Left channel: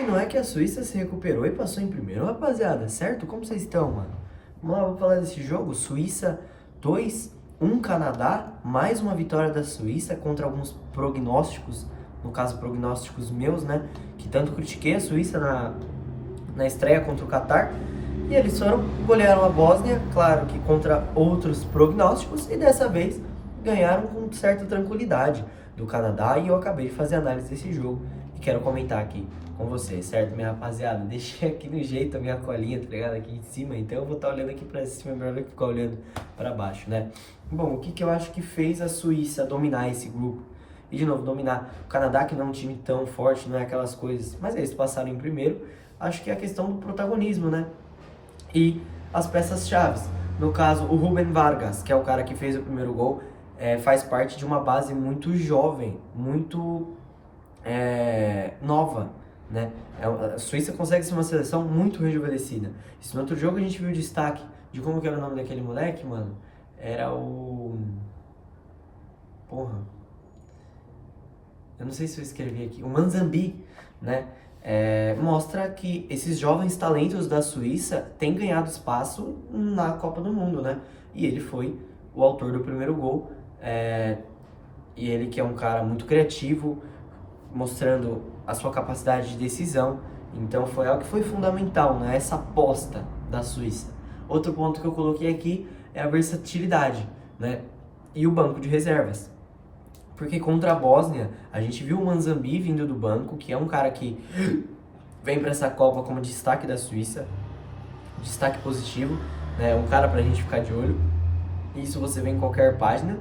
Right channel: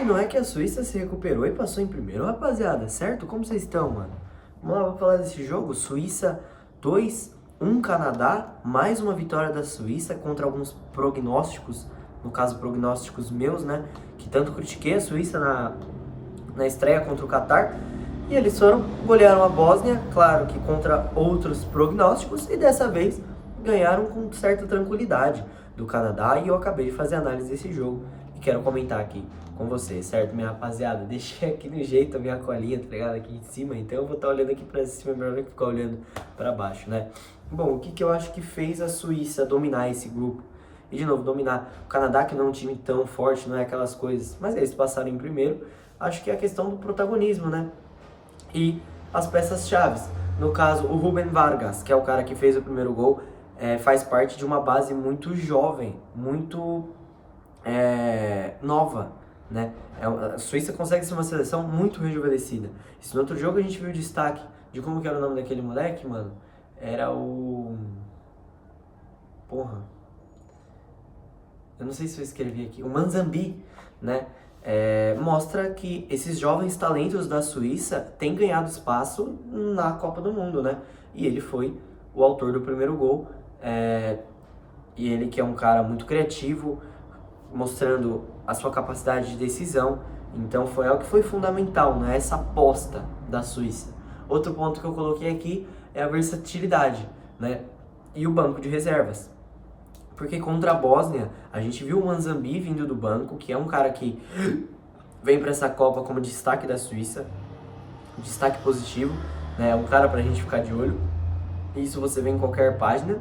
E não é que a Suíça se recuperou e passou em primeiro, rapaziada, certo? Como vocês estão, mano? Vamos lá, vamos falar desse jogo. Suíça 2, 1 Canadá, mais uma vitória da Suíça contra alguns prognósticos, no caso prognósticos meus, né? Que tanto critiquei a Suíça na estreia contra o Catar. E eles golearam a Bósnia, claro que contra outros prognósticos, e dessa vez ganharam com certa tranquilidade do Canadá. E eu acabei de fazer análise desse jogo e quero comentar aqui com vocês, certo, minha rapaziada? Deixei aqui no jeito a minha colinha, tá ligado? Aqui em cima, então eu vou estar olhando aqui pra cima, melhor do que ficar olhando pra baixo, né? Bom, o que eu acho que fez a Suíça dominar esse grupo? E de novo, dominar o Canadá, que não é um time tão forte, não é aquelas coisas, mas eles passaram em primeiro. Acho que é a questão do protagonismo, né? E as peças-chave. No caso, o Rubén Vargas, que é o cara que fez o primeiro gol, faz parte de uma base muito jovem, muito nova, né? A Suíça consegue ser uma seleção muito rejuvenescida. Isso no outro jogo a gente viu o destaque de como que era o nome daquele moleque, mano. Era o... Porra. Eu não sei se eu escrevi aqui. O Manzambi, né? Mostra que esses jovens talentos da Suíça têm ganhado espaço na Copa do Mundo, né? E ele foi o autor do primeiro gol. E ele que é um cara muito criativo, mostrando a sua capacidade de decisão. Então foi algo que foi fundamental, né? Essa aposta da Suíça. Outro ponto que eu coloquei aqui é a versatilidade, né? E o banco de reservas. Porque contra a Bósnia, a gente viu o Manzambi vindo do banco, que é um cara que vem para essa Copa como destaque da Suíça, destaque positivo, né? Um cara pra gente ficar de olho. Isso você vê em qualquer página.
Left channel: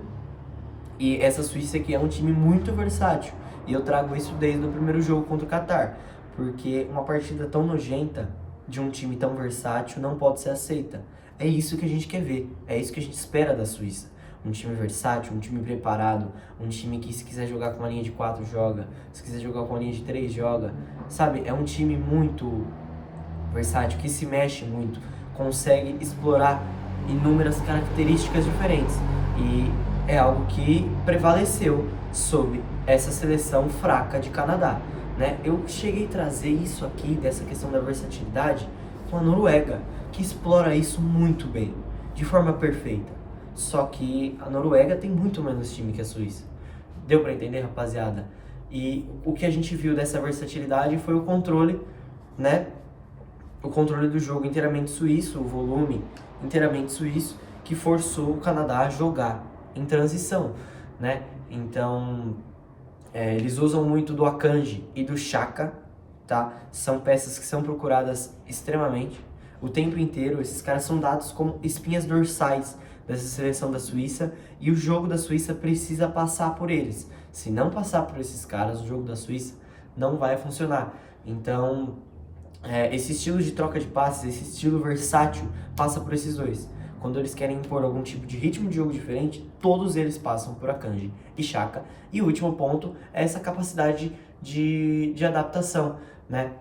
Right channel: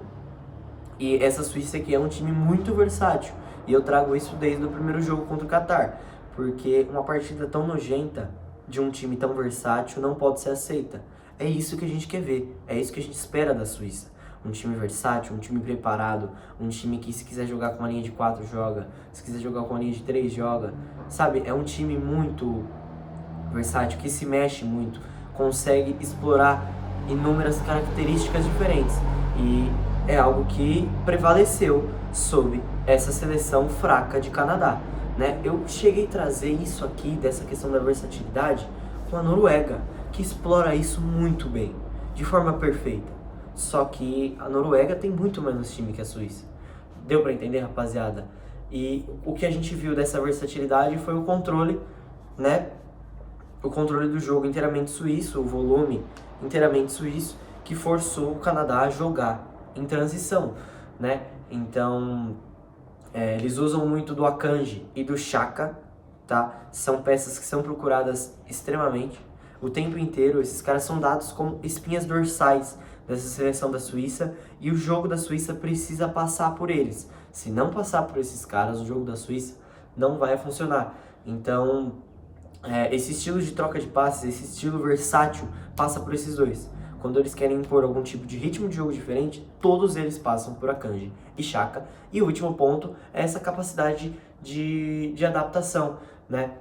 E essa Suíça aqui é um time muito versátil. E eu trago isso desde o primeiro jogo contra o Catar. Porque uma partida tão nojenta de um time tão versátil não pode ser aceita. É isso que a gente quer ver. É isso que a gente espera da Suíça. Um time versátil, um time preparado, um time que se quiser jogar com uma linha de 4 joga, se quiser jogar com uma linha de 3 joga. Sabe, é um time muito versátil, que se mexe muito, consegue explorar inúmeras características diferentes. E é algo que prevaleceu sobre essa seleção fraca de Canadá, né? Eu cheguei a trazer isso aqui, dessa questão da versatilidade, com a Noruega, que explora isso muito bem, de forma perfeita. Só que a Noruega tem muito menos time que a Suíça. Deu pra entender, rapaziada? E o que a gente viu dessa versatilidade foi o controle, né? O controle do jogo inteiramente suíço, o volume inteiramente suíço, que forçou o Canadá a jogar em transição, né? Então, eles usam muito do Akanji e do Xhaka, tá? São peças que são procuradas extremamente. O tempo inteiro, esses caras são dados como espinhas dorsais dessa seleção da Suíça, e o jogo da Suíça precisa passar por eles. Se não passar por esses caras, o jogo da Suíça não vai funcionar. Então, esse estilo de troca de passes, esse estilo versátil, passa por esses dois. Quando eles querem impor algum tipo de ritmo de jogo diferente, todos eles passam por Akanji e Xhaka. E o último ponto é essa capacidade de adaptação, né?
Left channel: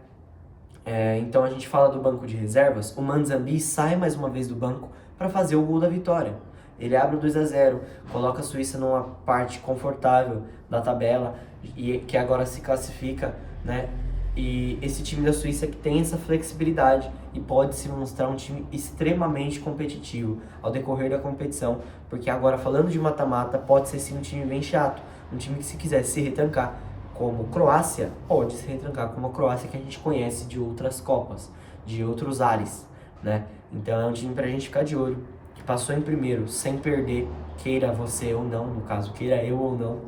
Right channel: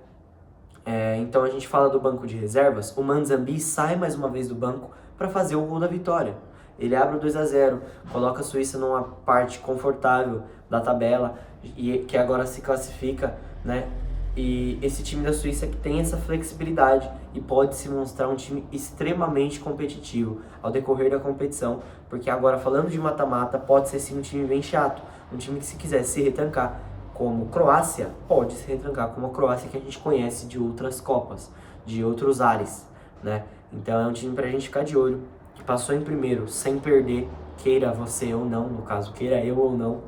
Então a gente fala do banco de reservas. O Manzambi sai mais uma vez do banco para fazer o gol da vitória. Ele abre o 2-0, coloca a Suíça numa parte confortável da tabela, e que agora se classifica, né? E esse time da Suíça que tem essa flexibilidade e pode se mostrar um time extremamente competitivo ao decorrer da competição, porque agora, falando de mata-mata, pode ser sim um time bem chato, um time que, se quiser se retrancar como Croácia, pode se retrancar como a Croácia que a gente conhece de outras Copas, de outros ares, né? Então é um time pra gente ficar de olho, que passou em primeiro sem perder, queira você ou não, no caso, queira eu ou não,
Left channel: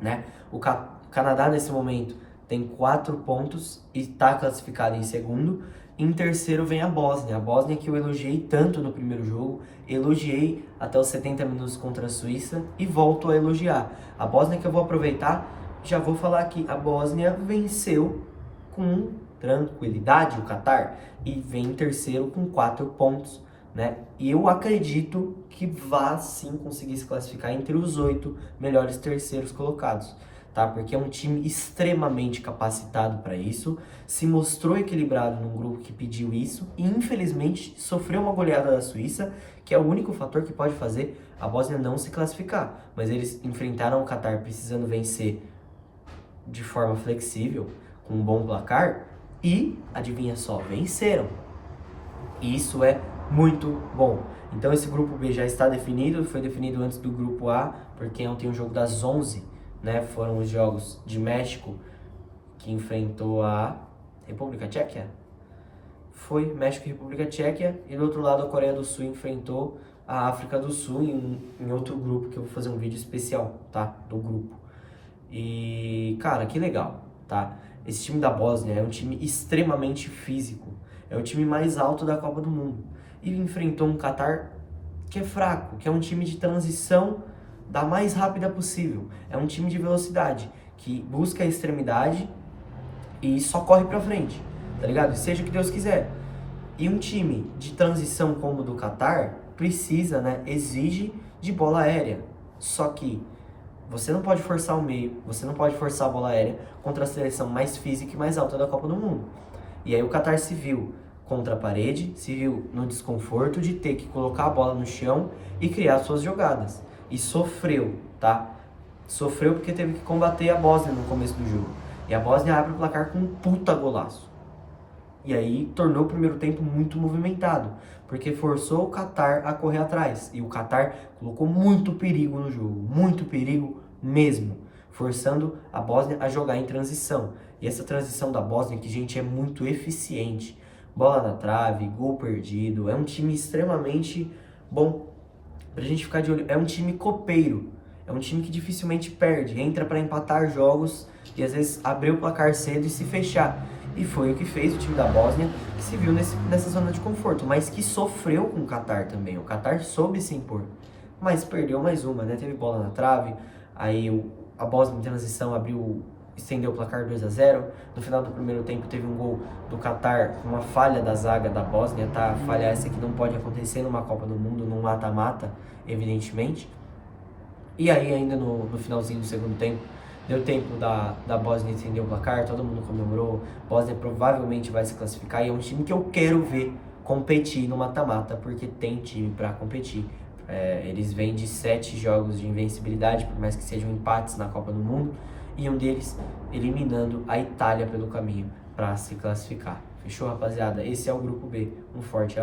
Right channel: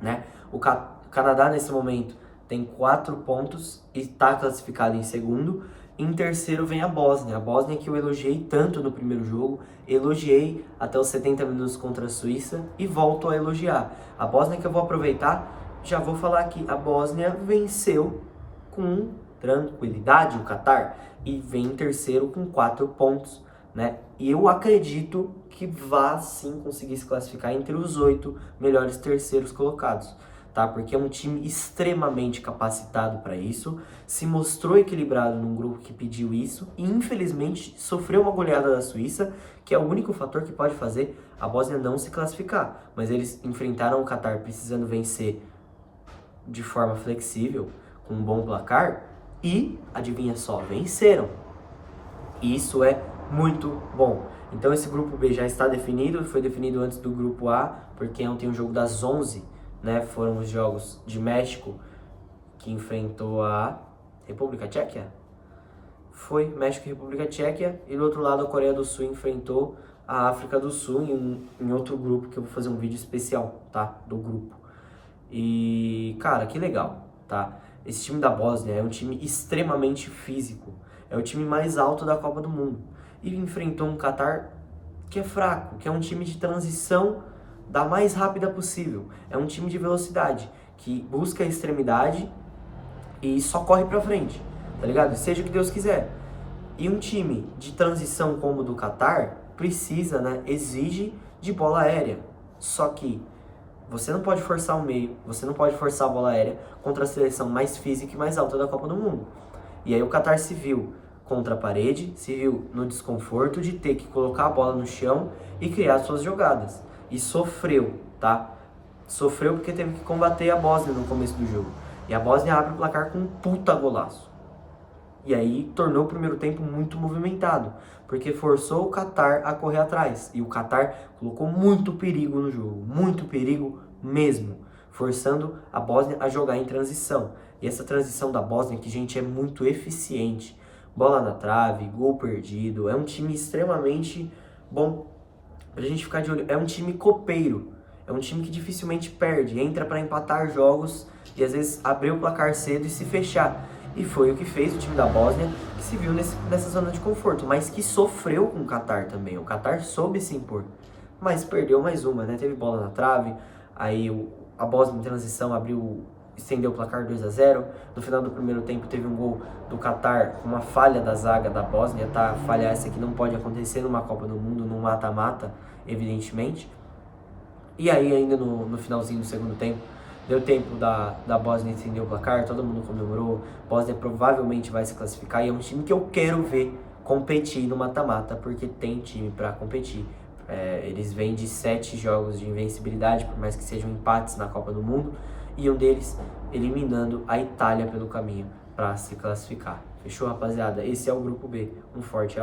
né? O Canadá nesse momento tem 4 pontos e está classificado em segundo. Em terceiro vem a Bósnia que eu elogiei tanto no primeiro jogo, elogiei até os 70 minutos contra a Suíça e volto a elogiar. A Bósnia, que eu vou aproveitar, já vou falar aqui, a Bósnia venceu com tranquilidade o Catar e vem em terceiro com 4 pontos, né? E eu acredito que vá sim conseguir se classificar entre os 8 melhores terceiros colocados, tá? Porque é um time extremamente capacitado para isso, se mostrou equilibrado num grupo que pediu isso e infelizmente sofreu uma goleada da Suíça, que é o único fator que pode fazer a Bósnia não se classificar. Mas eles enfrentaram o Catar precisando vencer de forma flexível, com um bom placar e, adivinha só, venceram. E isso é muito bom. Então esse grupo B já está definido, foi definido antes do grupo A, porque ontem o jogo das 11, né, foram os jogos de México, que enfrentou a República Tcheca. Foi México e República Tcheca, e do outro lado a Coreia do Sul enfrentou a África do Sul em outro grupo, que eu vou fazer um vídeo especial, tá, do grupo. E, cara, que legal, tá? Esse time da Bósnia é um time extremamente físico, é o time mais alto da Copa do Mundo, e enfrentou um Catar que é fraco, que é um time de transição da mais rápida possível, é um time de velocidade, que busca a extremidade e só corre pra frente, tá ligado? Seja o que Deus quiser. E um time de transição como o do Catar precisa, né, exige de bola aérea. Só que você não pode forçar o meio, você não pode forçar a bola aérea contra a seleção mais física e mais alta da Copa do Mundo. E aí o Catar se viu contra a parede, se viu no desconforto de ter que colocar a bola no chão e criar suas jogadas. E sofreu, tá? Sofreu porque teve que combater a Bósnia no começo do jogo. E a Bósnia abre o placar com um puta golaço. E aí tornou o primeiro tempo muito movimentado, porque forçou o Catar a correr atrás. E o Catar colocou muito perigo no jogo, muito perigo mesmo, forçando a Bósnia a jogar em transição. E essa transição da Bósnia, que, gente, é muito eficiente. Bola na trave, gol perdido, é um time extremamente bom pra gente ficar de olho. É um time copeiro, é um time que dificilmente perde, entra para empatar jogos e às vezes abrir o placar cedo e se fechar. E foi o que fez o time da Bósnia, que se viu nessa zona de conforto, mas que sofreu com o Catar também. O Catar soube se impor, mas perdeu mais uma, né? Teve bola na trave, aí a Bósnia em transição estendeu o placar 2-0. No final do primeiro tempo teve um gol do Catar, uma falha da zaga da Bósnia, tá? Falha essa que não pode acontecer numa Copa do Mundo, num mata-mata, evidentemente. E aí ainda no finalzinho do segundo tempo, deu tempo da Bósnia estender o placar, todo mundo comemorou. Bósnia provavelmente vai se classificar e é um time que eu quero ver competir no mata-mata, porque tem time para competir. Eles vêm de 7 jogos de invencibilidade, por mais que sejam empates na Copa do Mundo, e um deles eliminando a Itália pelo caminho para se classificar. Fechou, rapaziada? Esse é o grupo B. Um forte abraço.